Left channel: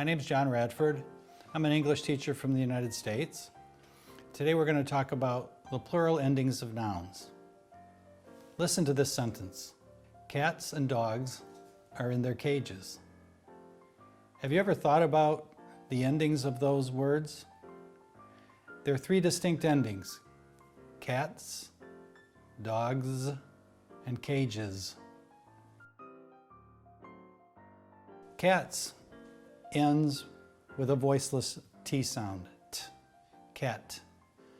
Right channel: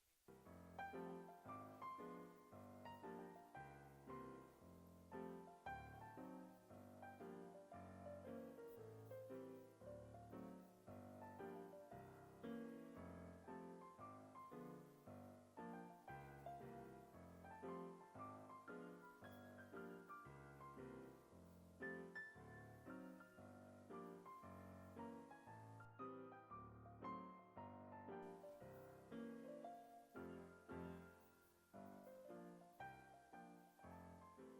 My name is John Radford. I'm an English teacher from the United States. Today we're going to talk about the plural endings of nouns. Listen to this sentence. Cats and dogs are in their cages. Have you ever thought about the endings of those words? There are three distinct endings: cats, dogs, and cages. Cats ends with a voiceless T sound, t, cat.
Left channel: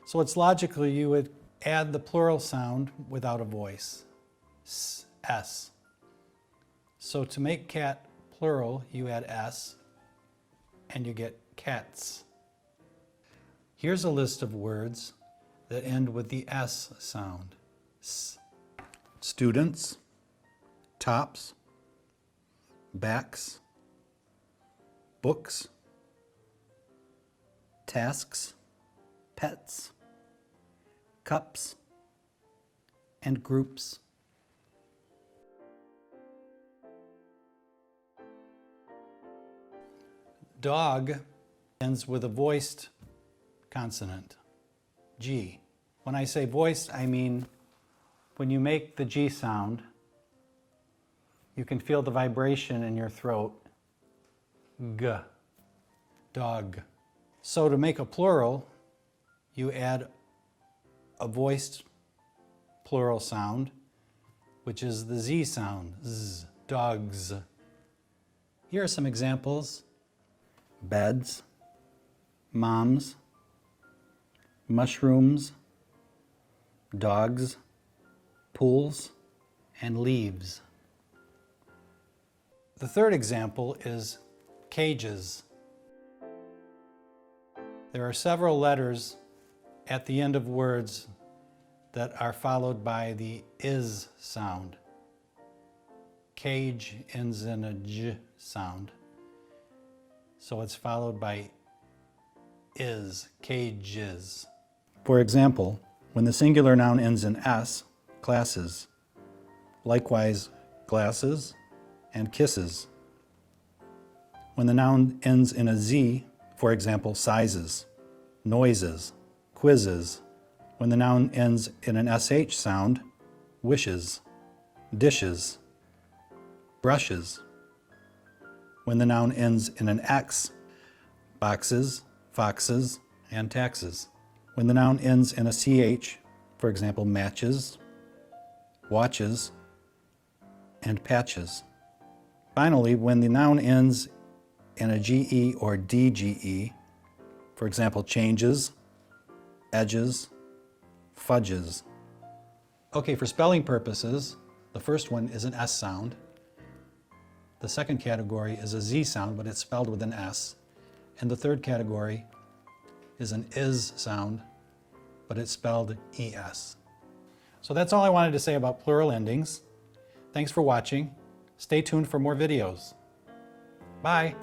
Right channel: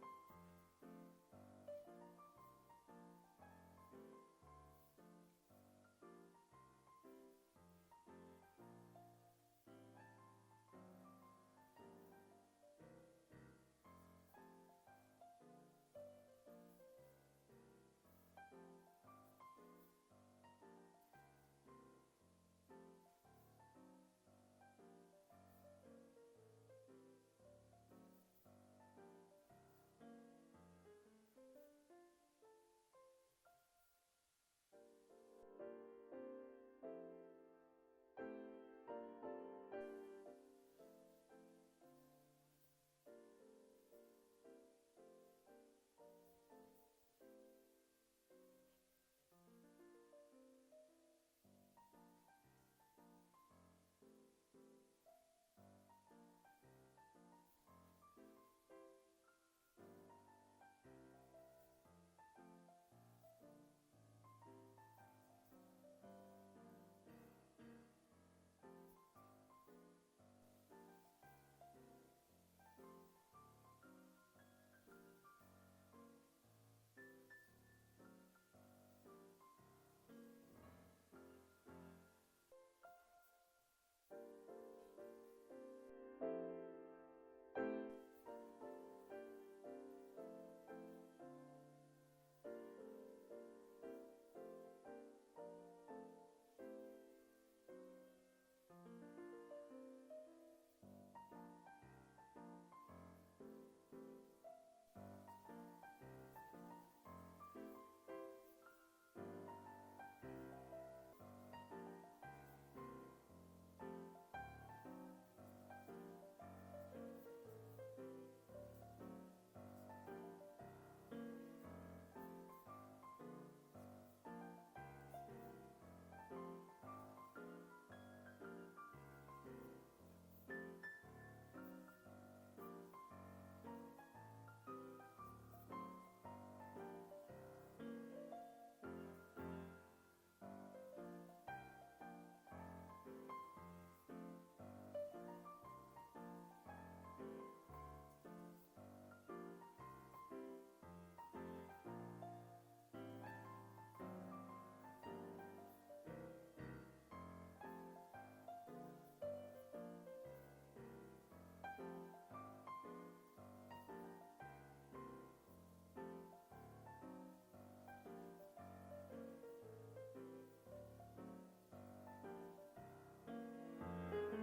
So it's logical you would add the plural sound without a voice, s, s. So to make cat plural, you add s, and you get cats. Here's a list of words that end with the s sound, s. Students, tops, backs, books, tasks, pets, cups, and groups. Dog ends with a voiced consonant, G. When I say voiced, I mean when you make the G sound, you can feel the vibration in your throat, G, dog. So to make a plural, you add a voiced plural sound, which is the Z sound, Z, dogs. Here are some examples: beds, moms, mushrooms, dogs, pools, and leaves. The third example is cages. There are several letters at the end of words that are followed by the is sound. Cage ends in a j sound, so it's followed by is, cages. For example, when the singular noun ends in s, classes. Likewise, glasses and kisses. When the noun ends in a z, for example, sizes, noises, quizzes. When the noun ends in an sh sound, wishes, dishes, brushes. When the noun ends in an x, boxes, foxes, and taxes. When the noun ends in a ch, for example, matches, watches, and patches. Finally, when the noun ends in a ge or dge, for example, changes, edges, fudges. Okay, for spelling purposes, the first one is an S sound. The second category is a Z sound, but it's spelled with an S. And the third category is an is sound, but it's spelled ES. So that's all I wanted to say about plural endings. Thanks for watching. Stay tuned for more videos. Bye.